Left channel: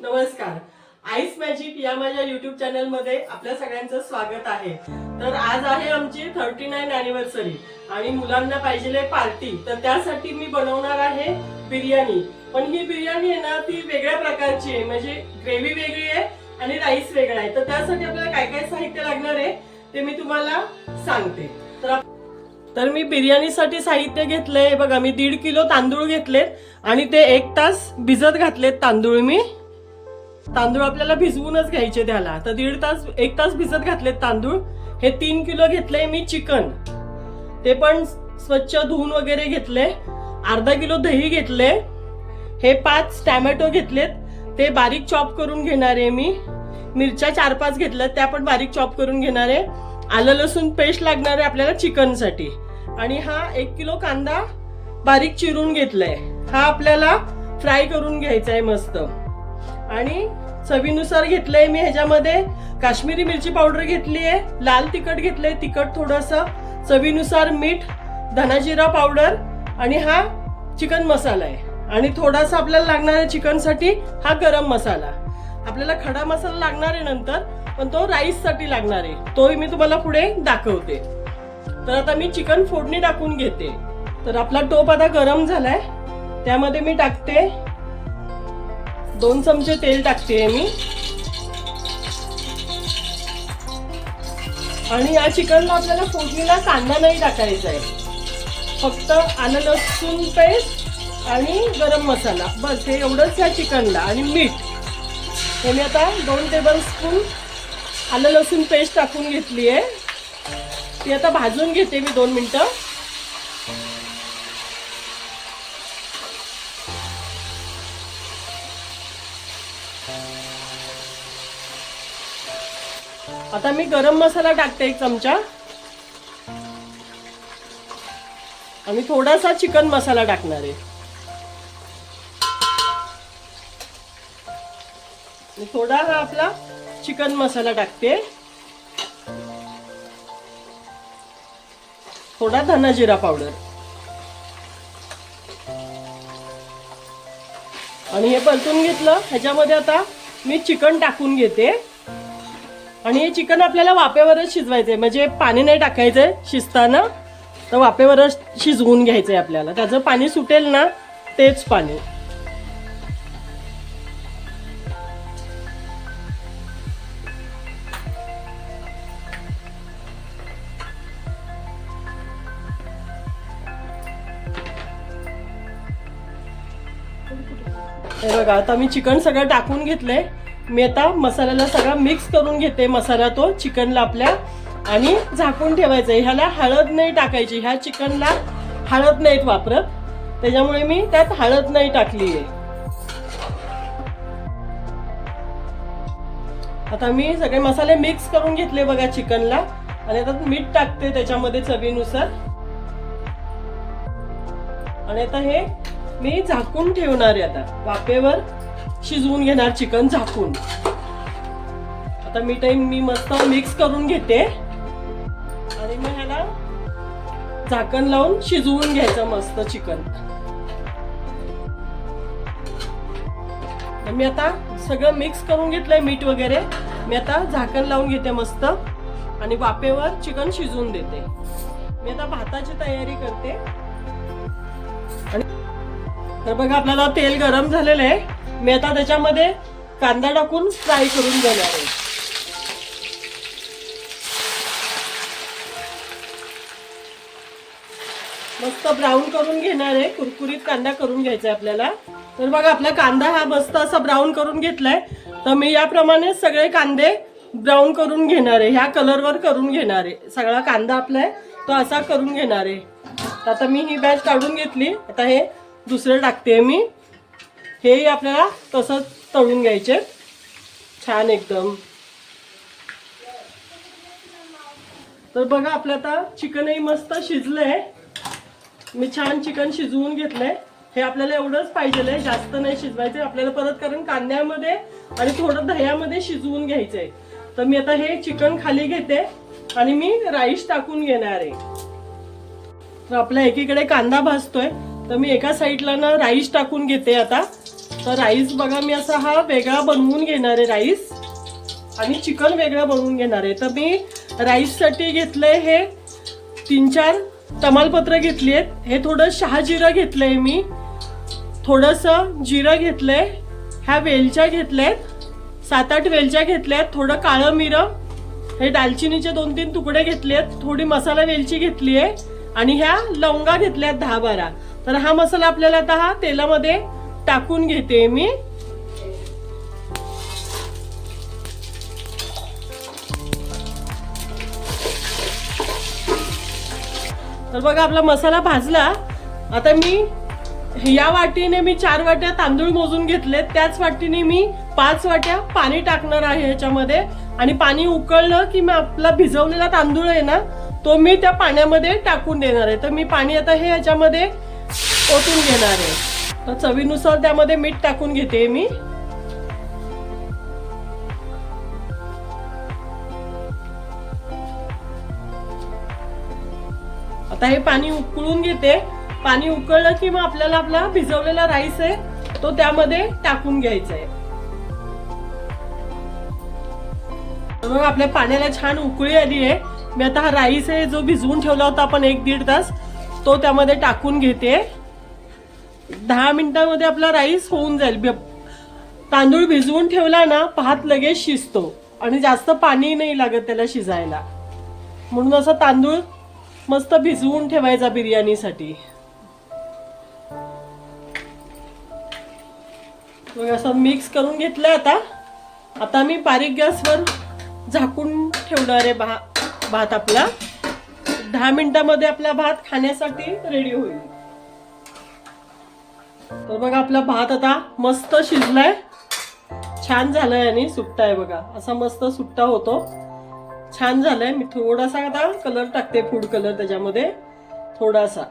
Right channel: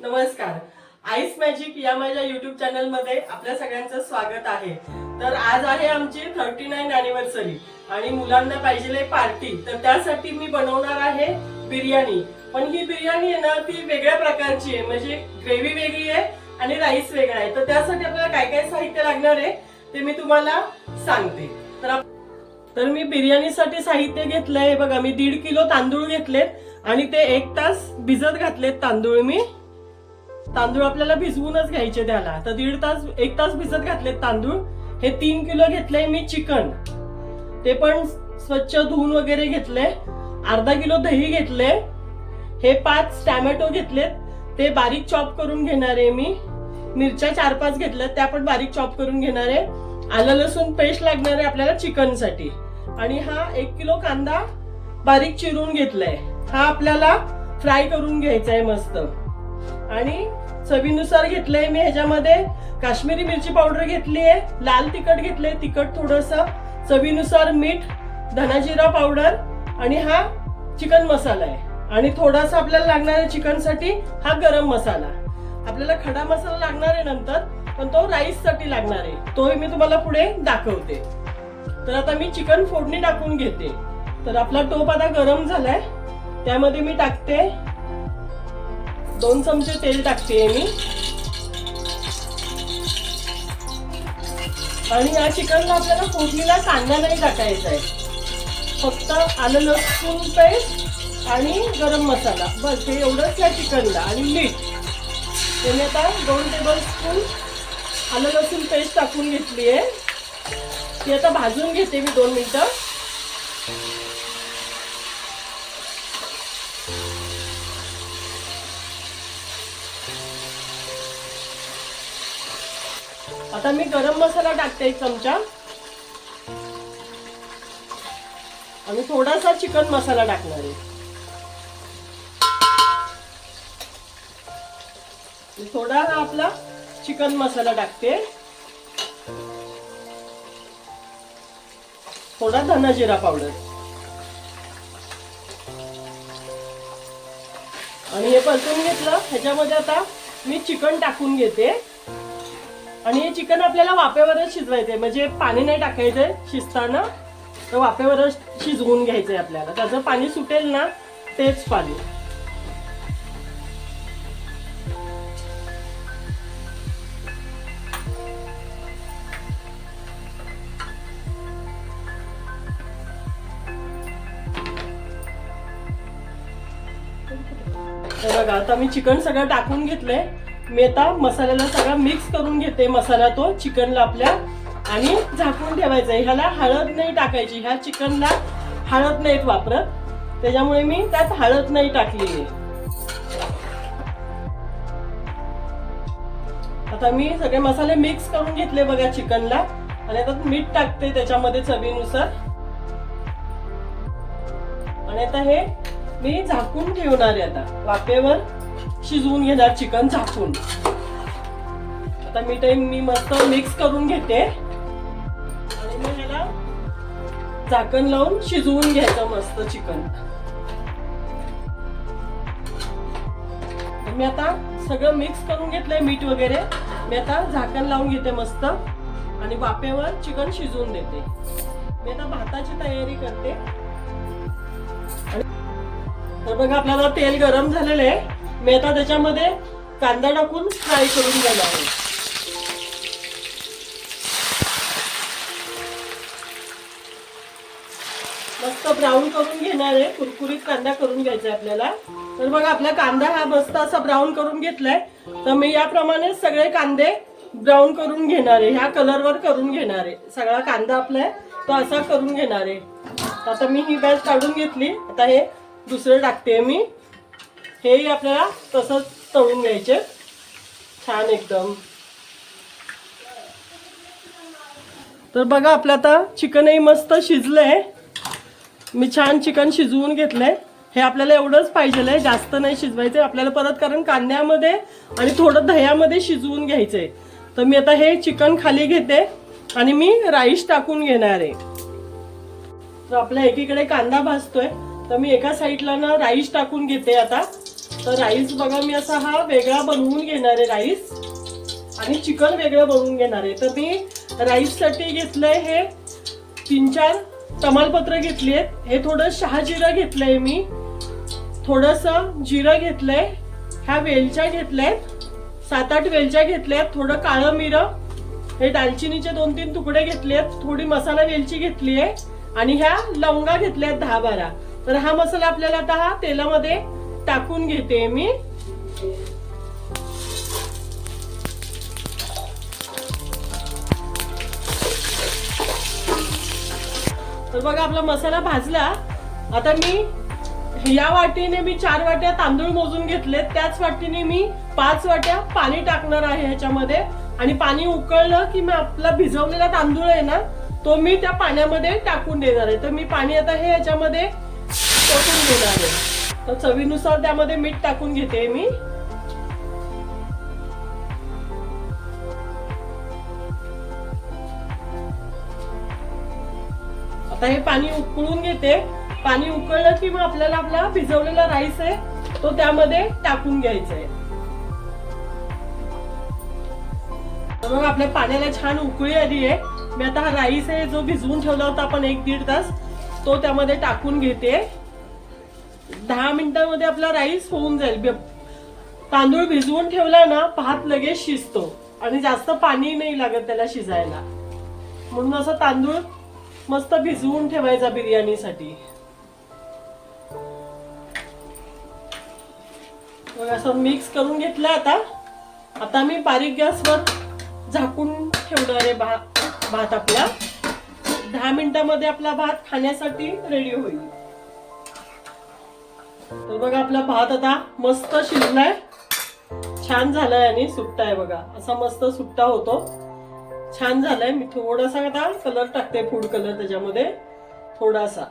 नमस्कार. Ice magic या माझ्या युट्यूब चॅनल मध्ये आपल्या सगळ्यांचं स्वागत आहे. तर आज आहे आमची 39 अॅनिव्हर्सरी आणि मुलांना पाहिजेले पार्टी. तर त्यासाठी मी बनवणार आहे बिर्याणी. पण ही बिर्याणी आहे ना, ती वेगळ्या प्रकारची आहे. म्हणजे ग्रेव्ही वेगळी आहे आणि राईस वेगळा आहे. तर त्यासाठी आपल्याला काय काय साहित्य लागणार आहे ते मी तुम्हाला सांगते. तर मी बिर्याणीसाठी साहित्य घेतलंय बघा. मी 1.5 किलो तांदूळ घेतलेत आणि ते 1 तास भिजत घातलेत तांदूळ. मी तांदूळ आपल्याला भिजवूनच घ्यायचे त्याला. तर 1 तास भिजत घातलेत तांदूळ. हे 3 किलो घेतले मी चिकन, ते पण स्वच्छ धुवून वगैरे घेतले. अर्धा किलो दही घेतले. हे 5 टॅमॅटो घेतलेत, ते बारीक चॉप करून घेणार आहे मी. मिरच्या 4-5 घेतल्यात, त्या पण बारीक चॉप करून घेणार आहे. आलं लसूण पेस्ट लागणार आहे आपल्याला चिकन साठी. आणि हा 1 किलो कांदा बारीक चिरून घेतलाय. हा आपल्याला फ्राय करून घ्यायचा आहे मस्त. आणि चवीनुसार घेतलंय मी. ह्याच्यामध्ये काश्मीरी मिरची पावडर घेतली आहे, लाल तिखट घेतलंय, तिखट थोडस, चवीनुसार मीठ, धना जिरा पावडर आणि हा चिकन मसाला आहे. आणि थोडासा आपल्याला लागणार आहे चिकन साठी हा गरम मसाला. आपल्याला खडा मसाला लागणार आहे नंतर, पण तो राईस साठी लागणार आहे. तोही मी तुम्हाला पुढे दाखवते. तर आता मी चिकन फोडणी टाकून घेते. तर आपला टोप आता गरम झालाय, त्यामध्ये मी टाकते 2 चमचे तेल टाकते मी. आणि या चिकनला आपल्याला फोडणीला कांदा नाही टाकायचा आहे, फक्त आलं लसूण पेस्ट आणि गरम मसाला, बस हे एवढंच या चिकनला. आणि मीठ त्याने आता 2 टेबलस्पून आलं लसूण पेस्ट टाकून घेतली आहे. ती आता भाजून घेते मी 2 मिनिटं. आता मी गरम मसाला टाकते 1 चमचा आणि थोडासा चिकन मसाला टाकणार आहे. थोडा हा आपला चिकन मसाला टाकते. थोडा धना जिरा पावडर आणि हे परतून घेतलं. ह्याच्यामध्ये आता मी चिकन टाकून घेते. आणि हे चिकन आपल्याला वाफेवरच शिजवायचंय, म्हणजे पाणी नाही टाकायचंय शिजताना. तर वाफेवरच शिजवून घ्यायचंय आपल्याला. त्याचं पाणी सुटेल ना, तेच पाणी. हे बघा, आता मी चिकन सगळं टाकून घेतलंय. मी आता मसाल्याला सगळं मिक्स करून घेते. मसाला तो चिकनला आपल्या आणि झाकून ठेवायचंय. ह्याला हळद नाही टाकायची. ह्या चिकनला हळद नाहीत वापरत, त्याच्यामुळे मी त्यात हळद नाही टाकली आहे. आता मी सगळे मसाले मिक्स करून घेतले बघा चिकनला. आणि आता मीठ टाकते त्याच्यामध्ये चवीनुसार. आणि आता हे मी झाकून ठेवणार आहे. आता वाफेवर शिजवून घेणार चिकन झाकून. आता मी मस्त मिक्स करून घेते आणि मग ह्याला झाकण लावून शिजवून घ्यायचं मस्त चिकन. मी आता सगळं मिक्स करून घेतलंय मीठ वगैरे. मी आता झाकण लावून घेते मस्त आणि वाफेवर चिकन शिजवून देते. मी आता भाताची तयारी करते. आणि तर बघा, आपल्याला तेल गरम झालेलं आहे. मी आता त्याच्यामध्ये कांदा टाकून फ्राय करून घेणार आहे. मस्त ब्राऊन करून घेणार आहे. कुरकुरीत कांदा करून घ्यायचा आहे आपल्याला. तर बघा, आपला कांदा हा मस्त असा ब्राऊन करून घेतलाय. तर मी याप्रमाणे सगळे कांदे ब्राऊन करून घेणार आहे. ह्या कलरवर करून घेणार आहे. सगळा कांदा आपला तो असा करून घेणार आहे. आता मी ही बॅच काढून घेतली. आता हे दुसरं टाकते मी. हे आपल्याला तसंच तळून घ्यायचे छान एकदम. तर बघा, आपलं आता चिकनही मस्त शिजलंय. मी छान चिकन शिजवून घेतलंय. हे आपल्याला एवढंच पाहिजे, जास्त नाही शिजवायचंय आपल्याला परत, कारण कांद्यामध्ये आणि थोडं दह्यामध्ये शिजवून घ्यायचंय. तर मी आता हे चिकन खाली घेते आणि मी राईस टाकून घेणार आहे. तर आपल्या एकीकडे कांदा भाजतोय, तर मी एका साईडला ना राईस टाकून घेते आता. तर राईस बघा मी असा हा वेगळा बनवून घेणार आहे राईस, आणि चिकन वेगळं बनवून घेणार आहे. तर मी राईससाठी घेतलंय हे 3-4 तमालपत्र घेतली आहेत, हे थोडं शहाजिरं घेतलंय मी, थोडंसं जिरं घेतलंय, ह्या वेलच्या घेतल्यात 7-8 वेलच्या घेतल्यात, थोडं काळं मिरं, हे दालचिनीचे 2-3 तुकडे घेतलेत, थोडी मसाला वेलची घेतली आहे, आणि ह्या लवंगा घेतल्यात 10-12. तर हा मसाला आपल्याला आता हा तेलामध्ये टाकून घेते मी. तर बघा आपला मसाला भाजला. आता मी या वाटीने मी 4 वाट्या तांदूळ मोजून घेतलेत, त्याच वाटीने मी 5 वाट्या पाणी टाकणार आहे ह्याच्यामध्ये, आणि पाणी उकळलं की मी आपला भिजवलेला तांदूळ आहे ना तो मी त्या पाण्यामध्ये टाकून देणार आहे. तर मी पाणी आता हे ह्याच्यामध्ये टाकून घेणार आहे. तर चवीनुसार त्यामध्ये मीठ टाकून घेते मी. आता हे पाणी उकळून घेते. पाणी उकळलं की मग आपल्याला आपला भिजवलेला राईस आहे तो त्यामध्ये टाकून घ्यायचा आहे. तर आपल्या पाण्याला छान उकळी आली आहे. मी आता हा राईस आहे जो भिजवून ठेवला होता आपण 1-1.5 तास, तो त्यामध्ये टाकून घेते. 10 मिनिटांमध्ये आपला राईस होऊन जाईल. तांदूळ भिजवून ठेवला ना भात लगेच शिजतो, आणि जास्त पाणी नाही लागत त्याला शिजायला, म्हणून असं तांदूळ मस्त भिजवून ठेवायचा बिर्याणीसाठी. असं मिक्स करून घेतलं. आता मी बारीक गॅसवर झाकून ठेवणार आहे भात आपला. 10 मिनिटांमध्ये आपला भात खाण्यासाठी रेडी होईल. तर बघा आपला भात आता मस्त शिजलाय, छान झालाय, आणि सुट्टा आहे बघा, असा मस्त सुट्टा होतो, छान झालंय. मी थोडासा आता कलर टाकते, फूड कलर त्याच्यामध्ये थोडासा.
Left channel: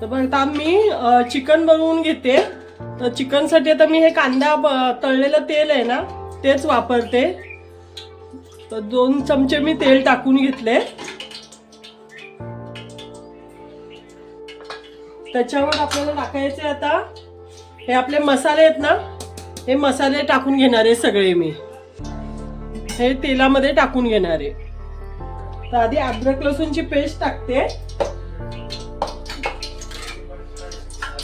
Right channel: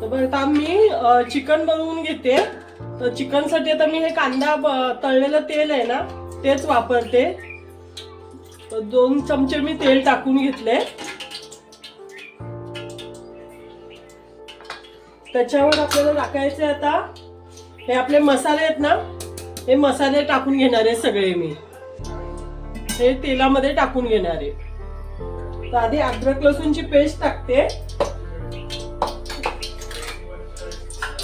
तर बघा आता मी चिकन बनवून घेते. तर चिकन साठी आता मी हे कांदा तळलेलं तेल आहे ना तेच वापरते. तर 2 चमचे मी तेल टाकून घेतले. त्याच्यावर आपल्याला टाकायचे आता हे आपले मसाले आहेत ना, हे मसाले टाकून घेणार आहे सगळे. मी हे तेलामध्ये टाकून घेणार आहे. तर आधी अद्रक लसूणची पेस्ट टाकते,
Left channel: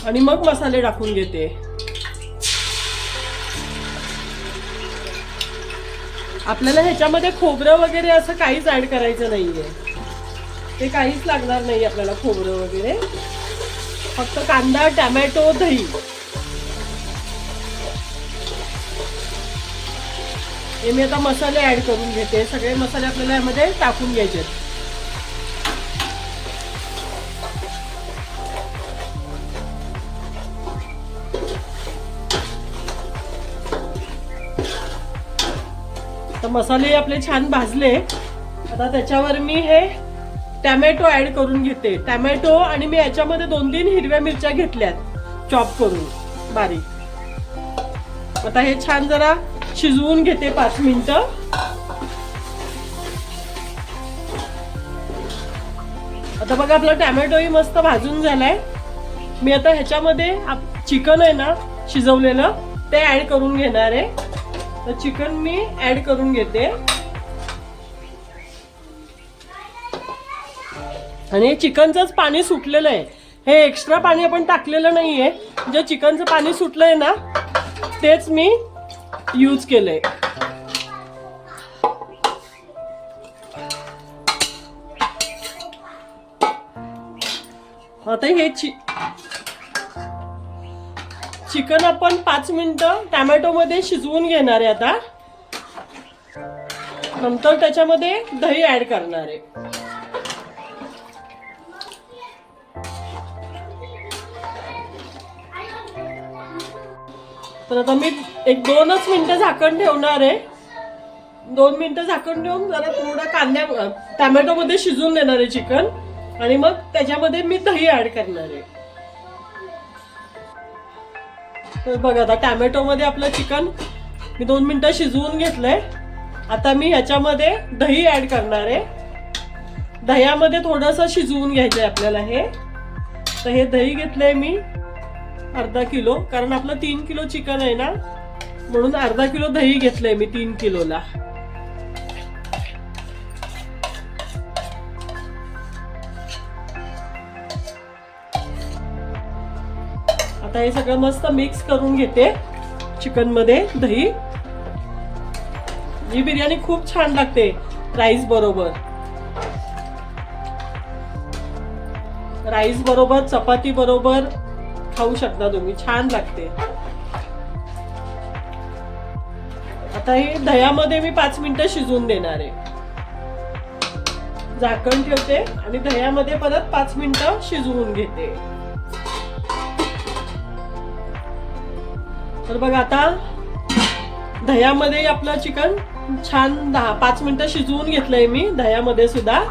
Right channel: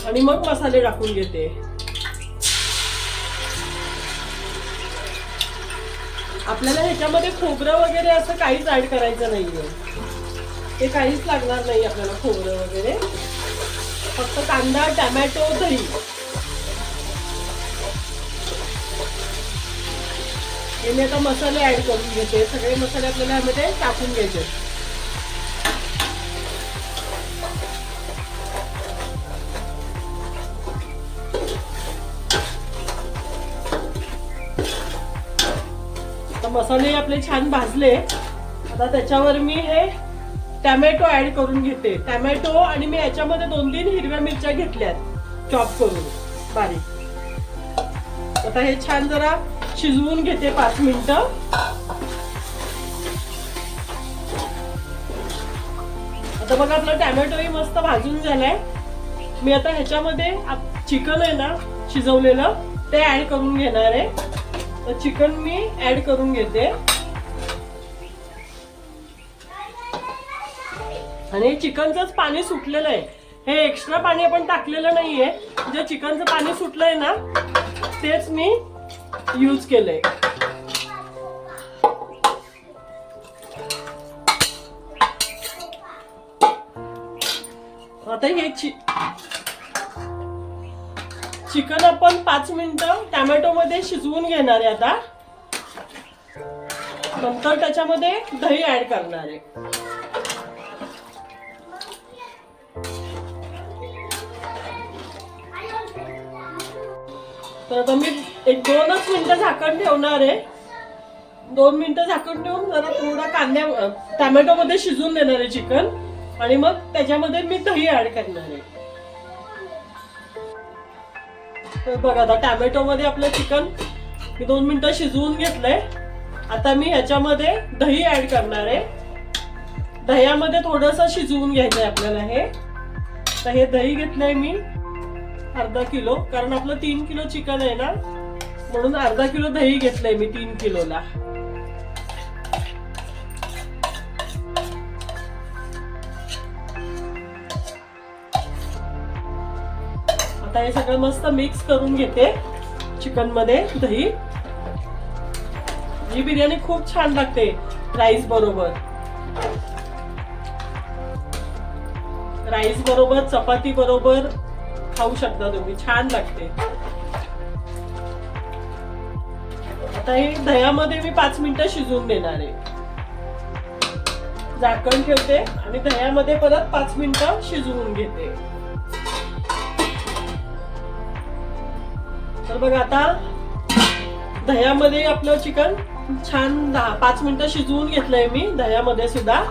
आणि मग मसाले टाकून घेते. आपल्याला ह्याच्यामध्ये खोबरं वगैरे असं काहीच ऍड करायचं नाहीये, ते काहीच लागणार नाही आपल्याला खोबरं वगैरे, फक्त कांदा, टोमॅटो, दही. हे मी आता मसाले ऍड करून घेते. सगळे मसाले आपल्याला यामध्ये टाकून घ्यायचे. मसाले आपले छान भाजले. आता त्याच्यावर मी हे टोमॅटो ऍड करून घेते. टोमॅटो, आणि मी याच्यामध्ये 2-3 हिरव्या मिरच्या घेतल्यात चॉप करून बारीक. आता हे छान जरा शिजवून घेते 5 मिनिटं. आता बघा आपला टोमॅटोही मस्त भाजून झालाय. मी आता ह्याच्यामध्ये चिकन आहे ना शिजवलेलं ते ऍड करून घेणार आहे. तर चिकन मी ऍड करून घेते, आणि चिकनचंच पाणी सुटलेलं आहे. हे एक्स्ट्रा पाणी आपण टाकलेलं नाहीये, जे चिकनचं पाणी सुटलंय ना तेच मी यूज केलंय. आता हे चिकन आपण 5 मिनिटं टोमॅटो मध्ये शिजवून घेणार आहे. आता नंतर त्याच्यामध्ये दही ऍड करणार आहे. तर आता मी 1-2च मिनिटं झाकण ठेवणार आहे. 2 मिनिटं झाकण ठेवून जरा थोडा टोमॅटो मध्ये शिजवून देणार आहे चिकन, आणि मग त्याच्यामध्ये मी दही ऍड करणार आहे. तर बघा आता टोमॅटो मध्ये आपलं चिकन मी 2 मिनिटं शिजवून घेतलंय. आता मी ह्याच्यामध्ये दही ऍड करणार आहे. दह्यामध्ये थोडंसं शिजवून घ्यायचंय आपल्याला हे. तर हे दही घेतलंय मी अर्धा किलो, कारण आपलं 3 किलो चिकन आहे ना, म्हणून अर्धा किलो दही घेतलंय मी 3 किलोला. आता हे सगळं मस्त मिक्स करून घेते चिकन मध्ये दही. ही बिर्याणी खूप छान लागते राईस बरोबर. राईस बरोबर, चपाती बरोबर खाऊ शकता तुम्ही, छान लागते. आता हे दह्यामध्ये मी 5 मिनिटं शिजवून देणार आहे. झाकण ठेवते आणि दह्यामध्ये परत 5 मिनिटं शिजवून घेते. तर बघा आता दह्यामध्ये आपलं चिकन छान 5 मिनिटं शिजवून घेतलंय मी दह्यामध्ये सुद्धा.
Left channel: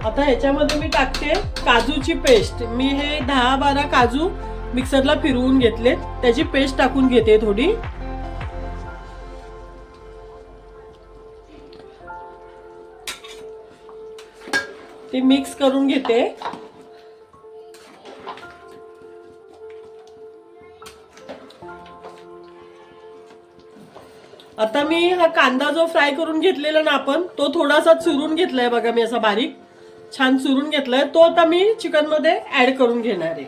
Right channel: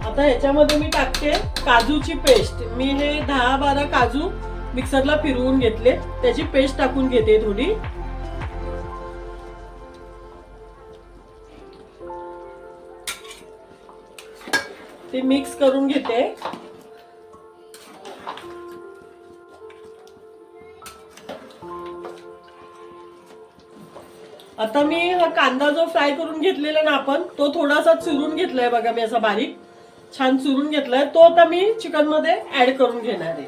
आता ह्याच्यामध्ये मी टाकते काजूची पेस्ट. मी हे 10-12 काजू मिक्सरला फिरवून घेतले, त्याची पेस्ट टाकून घेते थोडी. ते मिक्स करून घेते. आता मी हा कांदा जो फ्राय करून घेतलेला ना आपण, तो थोडासा चुरून घेतलाय बघा मी, असा बारीक छान चुरून घेतलाय. तो आता मी चिकन मध्ये ऍड करून घेणार आहे.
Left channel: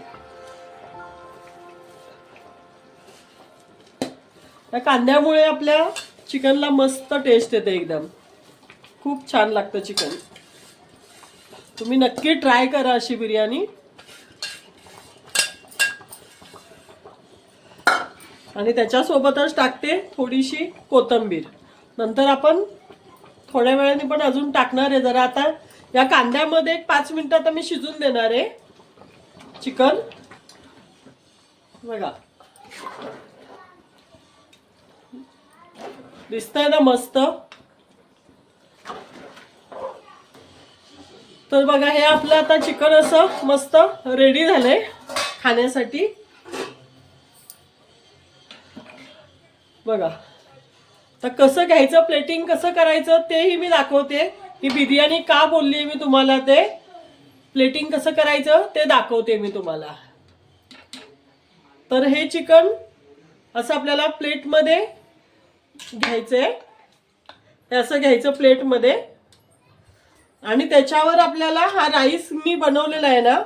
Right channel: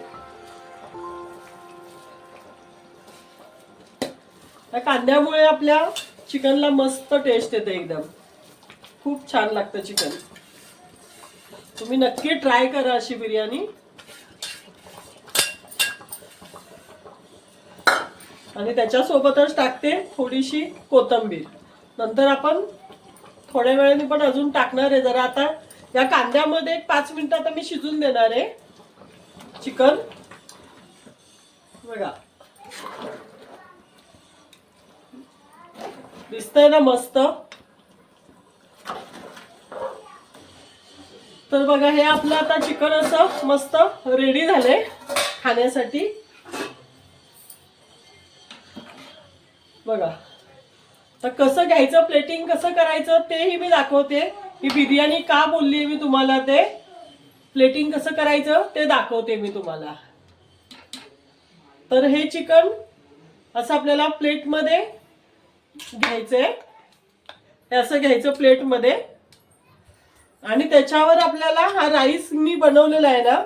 त्या कांद्यामुळे आपल्या चिकनला मस्त टेस्ट येते, एकदम खूप छान लागतं चिकन. तुम्ही नक्की ट्राय करा अशी बिर्याणी. आणि त्याच्यासोबतच टाकते थोडीशी कोथिंबीर. नंतर आपण थोड्या वेळाने पण अजून टाकणार आहे जरा. आता या कांद्यामध्ये 5 मिनिटं आता मी शिजून देणार आहे चिकन. बघा दिसतंय ना मस्त. तर बघा हे आपलं आता चिकन असं मस्त रेडी झालंय खाण्यासाठी. बघा तर कसं घ्यायचं, प्लेटिंग कसं करायचं तेही मी दाखवते. ही बिर्याणी का बोलली मी तुम्हाला, ते प्लेटिंग कसं करायचं ते दाखवते मी तुम्हाला. तर हे चिकन असं आपल्याला प्लेटमध्ये घ्यायचंय, असं घ्यायचं प्लेटमध्ये. आणि त्याच्यावर आपल्याला हा राईस मी बनवलेला आहे ना,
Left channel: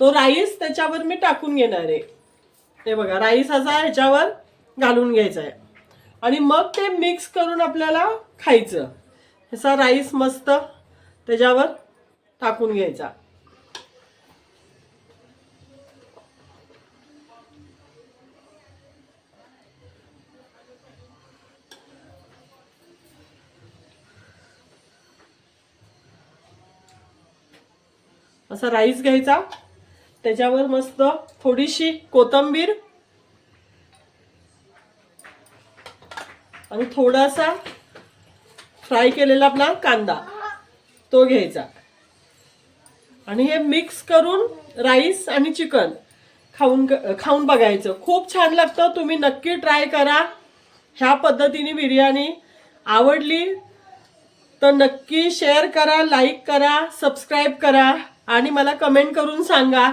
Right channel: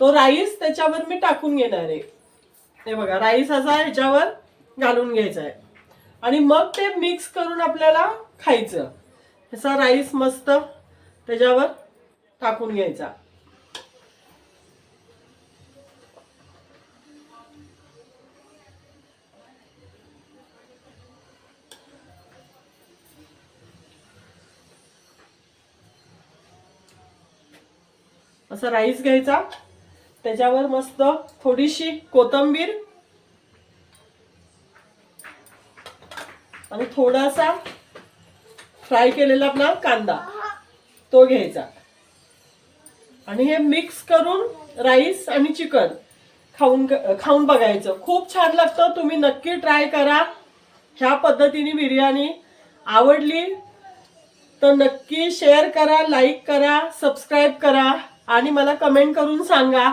तो राईस त्याच्यावर मी टाकून घेणार आहे. ते बघा राईस असा ह्याच्यावर घालून घ्यायचा आहे आणि मग ते मिक्स करून आपल्याला खायचं. असा राईस मस्त त्याच्यावर टाकून घ्यायचा. असा राईस घ्यायचा, त्याच्यावर मस्त थोडीशी कोथिंबीर आणि थोडासा फ्राय केलेला आपला कांदा तो घ्यायचा. आणि हे मिक्स करून राईस आणि चिकन खाऊन बघायचं. खूप छान लागतं. तुम्ही नक्की ट्राय करा ह्या पद्धतीने बिर्याणी. आवडली तर नक्की शेअर करा, लाईक करा, सबस्क्राईब करा आणि मला कमेंट करून सांगा